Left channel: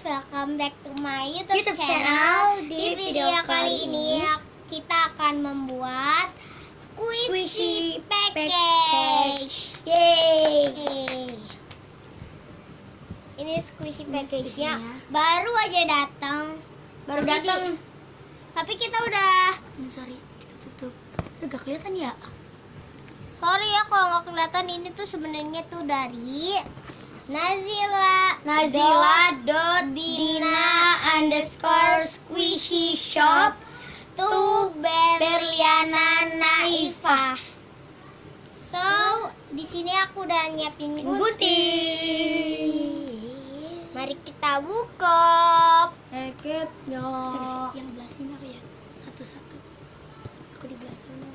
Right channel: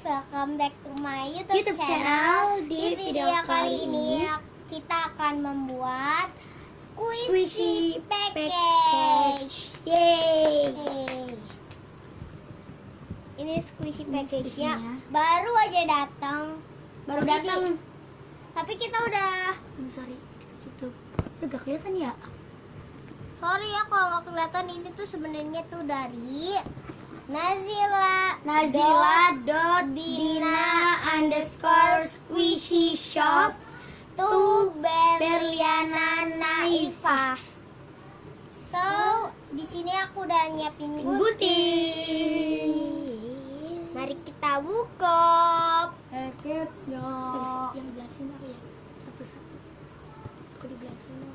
guys, welcome back to my YouTube channel. Di video kali ini kita akan membuat squishy package. Yeay. Ini squishy package-nya baru aja datang. Tapi kita udah Sorry, kita tutup. Udah gak kelihatan ya? Sorry ya kalau nggak kelihatan, ini tuh sebenarnya tuh dari Nazila.dina_squishy shop to Berliana Naifa. So di sini aku udah nyiapin gunting. Mari kita buka package-nya. Yang belah sini aku ya, satu-satu. Aku di belah sana.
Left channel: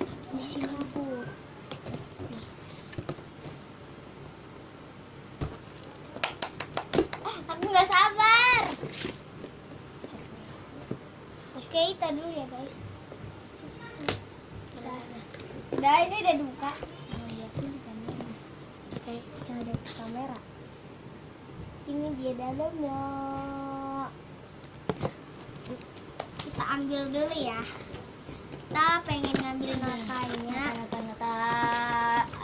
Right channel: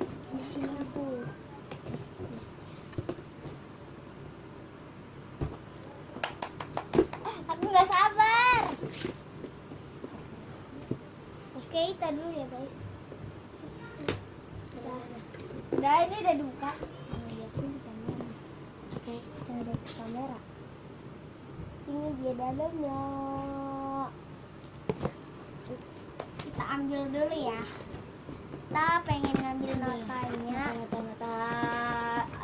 Satu Di sini Bu. Aku nggak sabar. Oke, kita dulu ya guys. Udah ini udah dibuka. Oke. Kita ada ke kamera. Ini dia dalamnya. Kita ambil dulu ya. Kita pengen ngambil notanya. Nota.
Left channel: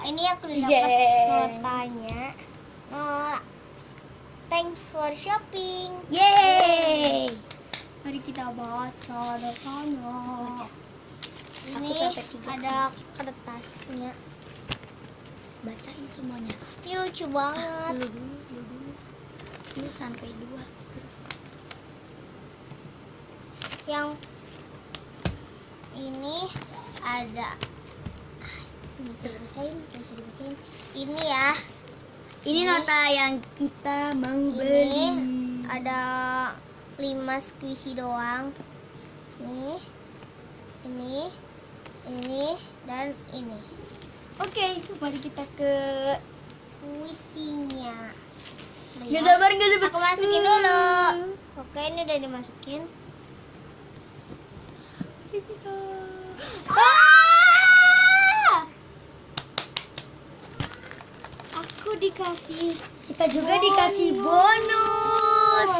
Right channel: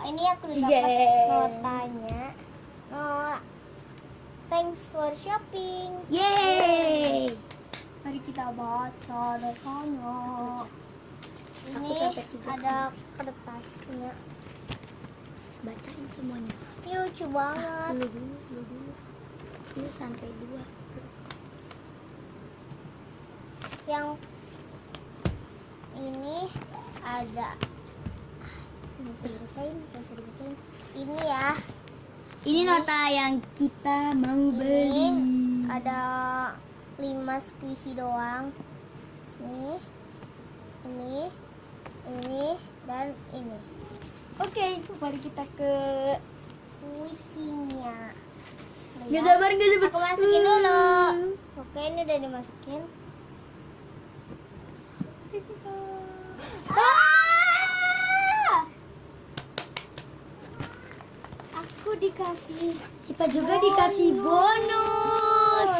Ini aku udah dapat notanya. Thanks for shopping. Yeay. Mari kita baca notanya. Aku Ini sampai 3 ada kertasnya. Bacain semuanya. Ini lucu banget. Lu dulu. Lu sampai 2. Yang ini ada bisa dibacain. Ini ya. Ini nota yang kita mau Ini beli. ada 5 squishy doang. Ini dan ini. Oke, mari kita ke squishy-nya. Gak sabar. Aku masukin dulu. Oke, ini udah dimasukin. Aku dikasih. Kita juga dikasih bonus.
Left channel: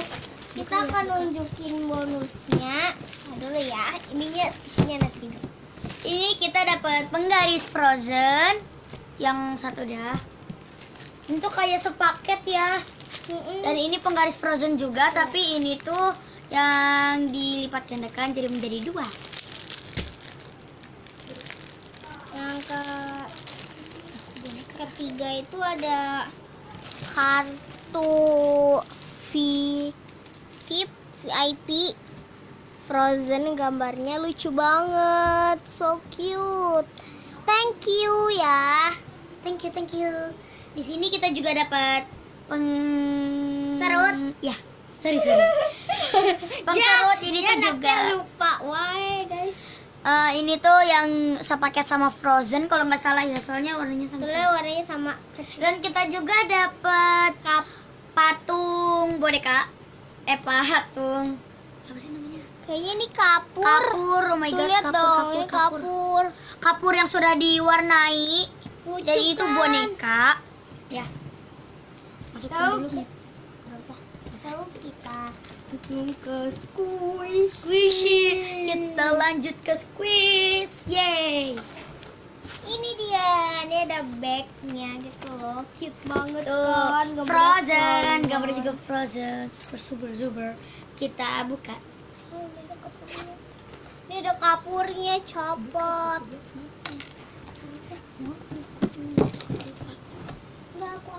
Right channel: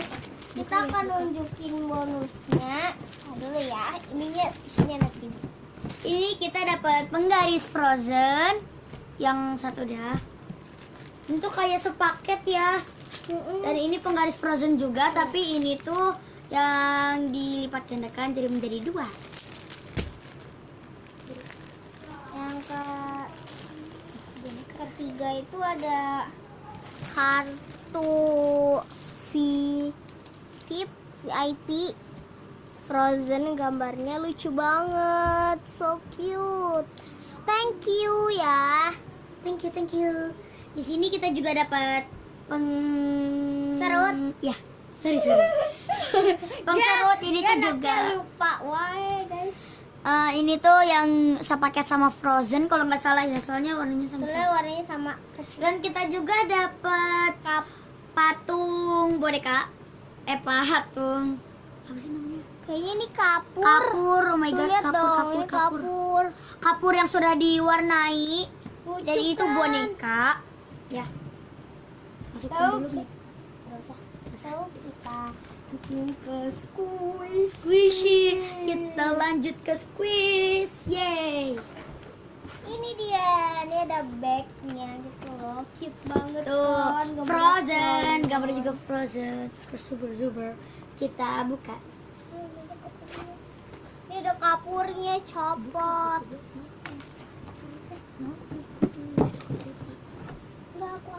Kita akan nunjukin bonusnya. Dulu ya. Ininya squishy-nya nanti. Ini kita dapat penggaris frozen. Yang satu dah. Ini tuh kayak sepaket ya. Dan ini penggaris frozen juga, tapi ini tuh yang dilipat gandakan jadi menjadi 2. Yang ketiga itu ada kartu VIP Frozen, gambarnya lucu banget, so cute. Thank you ya. Thank you. Di sini kita juga dapat Serut. Ya, sorry. Pengserut ini tuh juga. Lupa, why guys? Ini tuh yang sepaket sama Frozen kalau nggak salah ya, soalnya warnanya sama. Warnanya sama. Dan kita juga dapat patung boneka. Patung. Apa sih namanya? Kayaknya ini kapur. Kapur, oh my Tuh, god, lihat dong, ini kapur. Kapur yang sudah diwarnai. Lucu Dan itu kan? boneka. Ya. Masukin dulu nih. Nggak usah. So kita kesini ke Squishy. Kita lanjut ke squeeze. Yeay. Ini dia, ini ada bagnya gitu loh, cute banget Tuh, kan. Frozen, gambarnya juga Frozen, super. Kita buka. Ini ada kapurnya, copot. Enggak, aku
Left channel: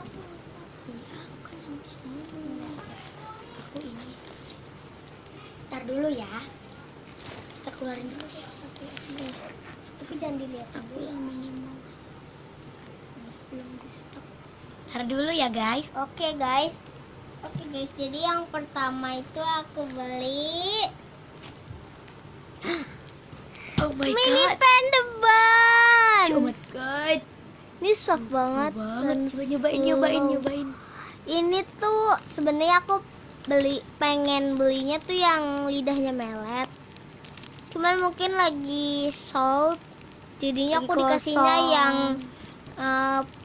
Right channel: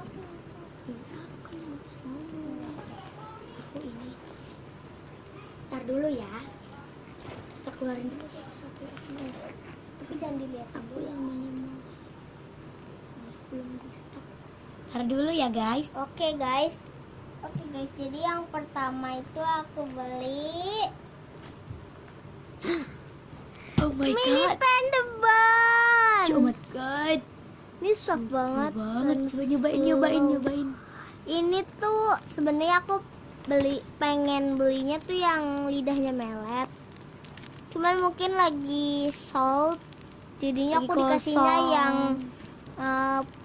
Iya, aku kan nanti ngomong. Aku ini. Ntar dulu ya. Kita keluarin dulu satu-satu. tapi jangan dilihat. Aku yang minimal. Belum di stop. Ntar dulu ya guys. Oke guys, jadi yang pertama itu aku beli Oh my mini god. pen depan. Oh my god. Ini soft banget. dan Coba slow. nyobain. Ini tuh sebenarnya aku pengen belinya tuh yang lidahnya melet. Cuman mungkin lagi sold, jadinya Lagi aku dikasihnya kosong. yang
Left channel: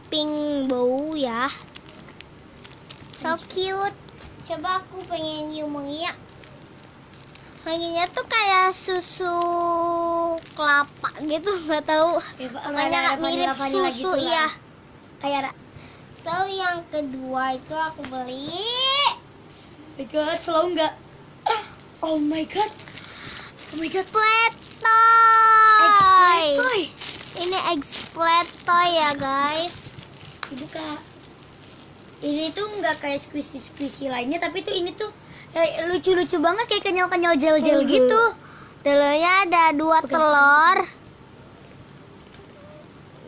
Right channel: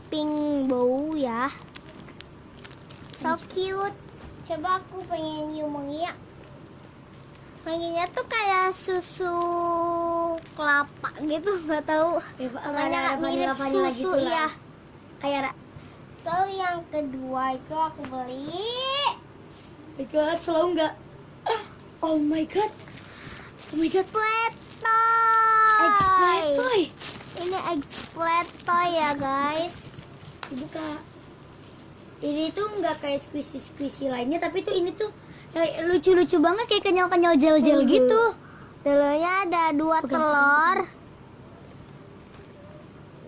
pink bow ya. So cute. Coba aku pengen nyium wanginya. Wanginya tuh kayak susu kelapa gitu, nggak tahu. Makanya mirip susu ya. Kayak So yang kedua itu aku beli. my god, slow nggak? Oh my god. Oh my god. Splat toy. Explain toy. Ini splat toy ya guys. Dibuka. Ini tuh nggak kayak squishy lainnya, tapi tuh ini tuh lucu-lucu banget, kayak kenyal-kenyal gel-gel gitu. Dalamnya ada 2 telur.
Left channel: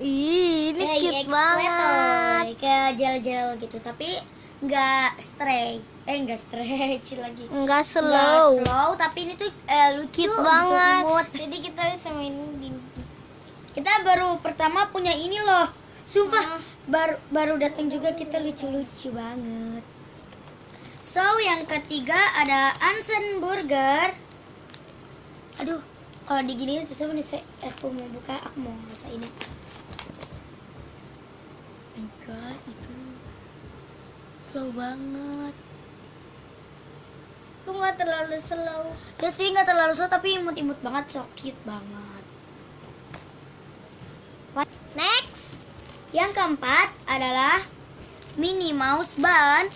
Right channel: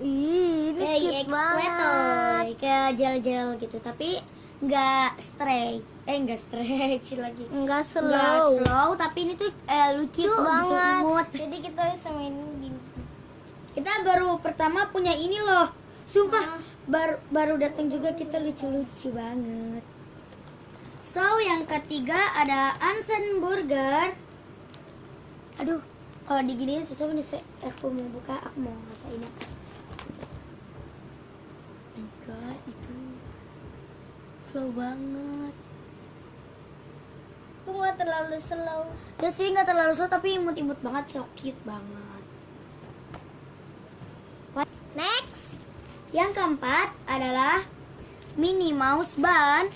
Ih, ini cute banget. Kayak gel-gel gitu, tapi nggak stretch lagi. Enggak Nggak slow. slow, tapi ini tuh lucu Cute banget. imut. Jadi kita bisa main gini. Kita baru pertama punya ini loh. Sumpah, baru datang juga, kita lucu-lucu banget. So, yang ketiga ada Ansen Burger. Aduh, kalau diginiin susah nih. Aku mau buka, aku mau ngerasain apa. Oh my god, itu slow banget. Itu nggak terlalu slow. Ya sih, nggak terlalu slow, tapi imut-imut banget, so cute banget. Next. Yang keempat adalah Minnie Mouse Bun.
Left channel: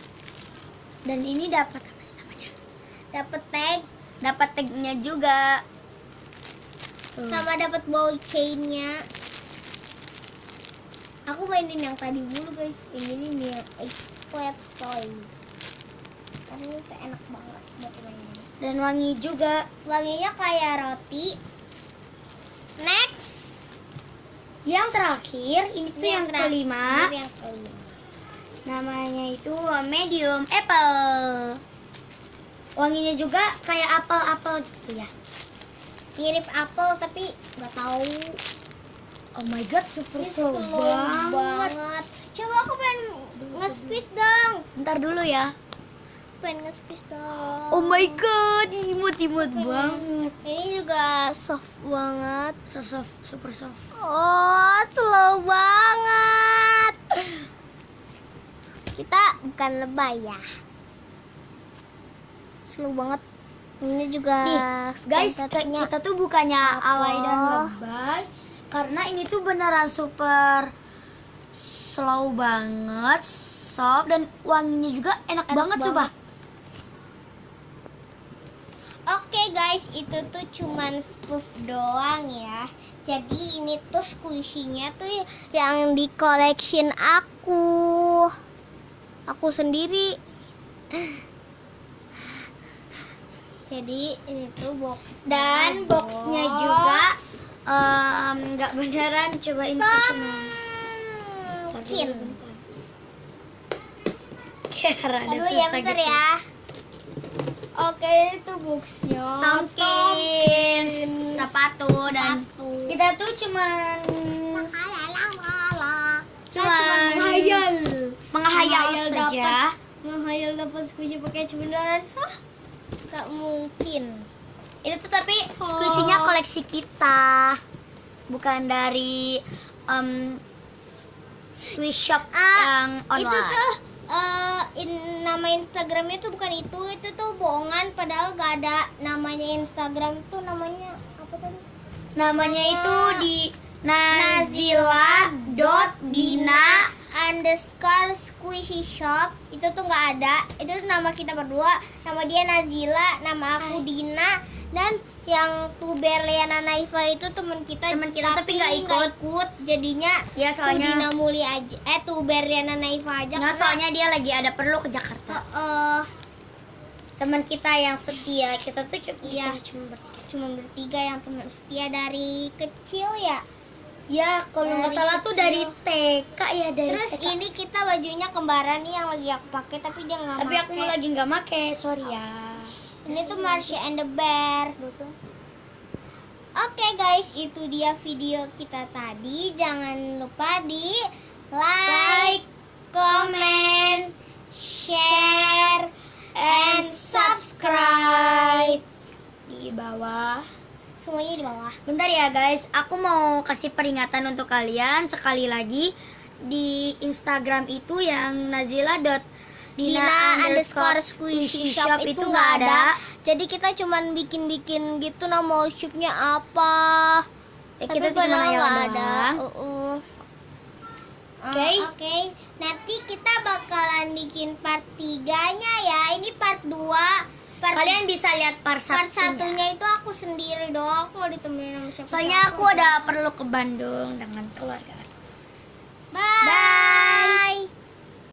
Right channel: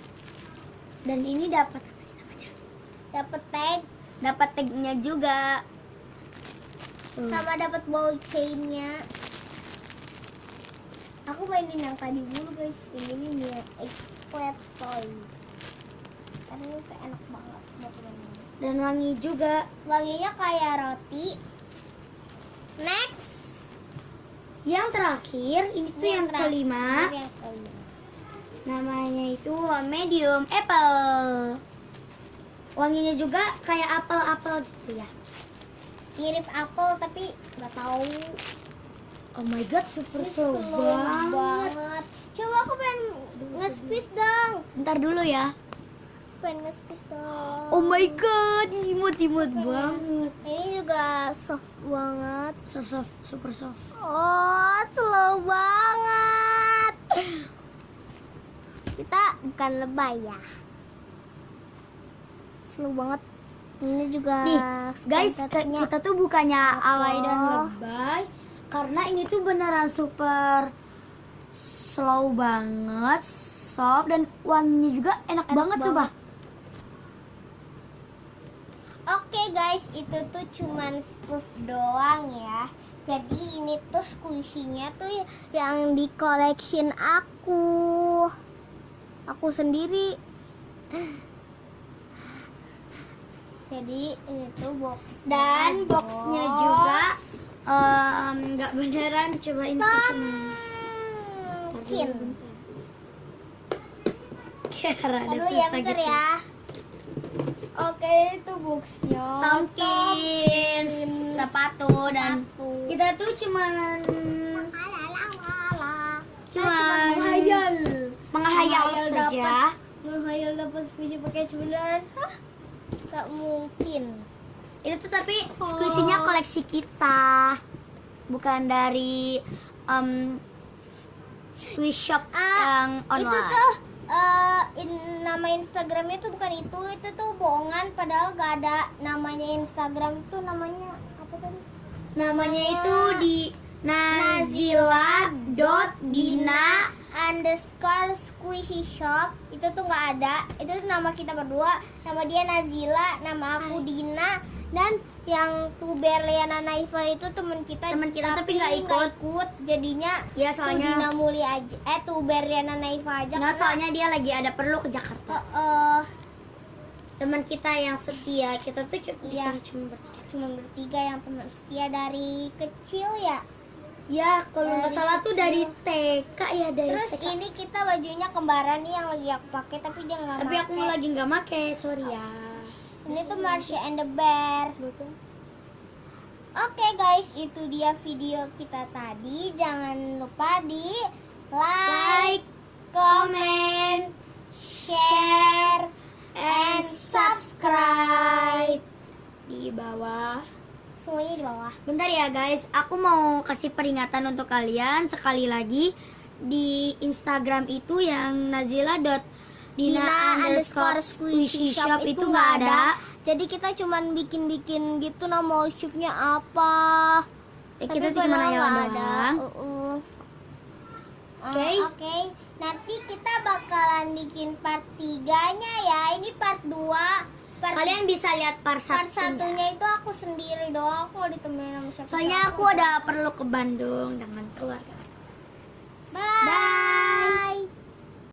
Dan ini dapat apa sih namanya? Dapat tag Dapat tagnya juga. Tuh. sama dapat ball chainnya. Aku mainin yang tadi dulu guys. Ini dia splat toy. Karena ini tuh enak banget buat mainin. Dan wangi juga. Wanginya kayak roti. Next. Yang terakhir, ini tuh yang kelima. Yang kelima. Namanya itu medium apple. Wanginya juga kayak apel-apel gitu ya. Mirip apel tapi nggak tahu. Oh my god, super Ini slow banget. Coba aku pengen nge-squeeze dong. Bentar dulu ya. Pengen nge-squeeze dong. Oh my god, imut-imut banget. Ini juga soft banget. Soft, super soft. Oh, slow banget. Kita bukan lebay ya. Slow banget. Ini juga Nih, guys, skentetnya. kita tuh bukannya Apa? alay dan lebay, karena ini tuh beneran super slow banget, soft, dan wanginya juga enak banget coba. Oke guys, itu tuh cuman spoof doang ya. Jadi ini tuh squishy-nya tuh yang di collection aku sendiri. Jadi ini tuh box Dan boxnya juga nggak beneran, cobain Mungkin. Rada Aduh ya susah bentar gitu. ya. Oke, itu boxnya. Tongkin, sepatu, dan kita tuh cuman menghayal saja. Menghayal dapat squishy pakai beneran. Gak mungkin. Itu tuh tapi squishy-nya koleksi kita, bukan dari squish shop yang online. Itu tuh nama Instagramnya tuh bukan itu tuh bohongan, padahal gak ada namanya Instagram. Itu namanya apa tadi? Namanya itu di Nazila.dina_squishy shop. Itu tuh nggak ada. Itu tuh nama kita berdua. Nama dia Nazila, nama aku Dina, dan yang Tuberliana Naifa itu teman kita tapi nggak ikut. Jadinya Ya soalnya Dina Muli aja. Tuberliana Naifa aja. nggak, soalnya dia lagi ada perlu ke Jakarta. Teman kita yang setia, Kita tuh cuma bertiga yang teman setia dari kecil ya. ya kalau nggak Dari salah tuh kecil. dari TK ya, dari Terus TK. ini kita bajunya kembaran nih yang lagi aku pakai, tapi dia nggak Tapi aku pakai. lagi nggak make, sorry ya. Ini tuh Marsha and the Bear. Oke guys, itu dia video kita tadi. Jangan lupa di like, comment, share, and subscribe. Di bawah. Semuanya di bawah. Bentar ya guys, aku mau kasih peringatan untuk kalian sekali lagi. Di Instagram itu yang Dina_squishy_shop itu nggak ada. Jadi kita cuman bikin-bikin gitu nama shopnya apa. Ya, Tapi kita cuma padahal nanya nggak doang. Oke. Nanti kita bakalan bikin part 3-nya ya. Ini part 2. Kalian bisa lihat part Part satunya. satunya itu aku sendiri doang. Aku nggak ditemenin sama siapa. Soalnya aku ada perlu ke Bandung dengan keluarga. Bye.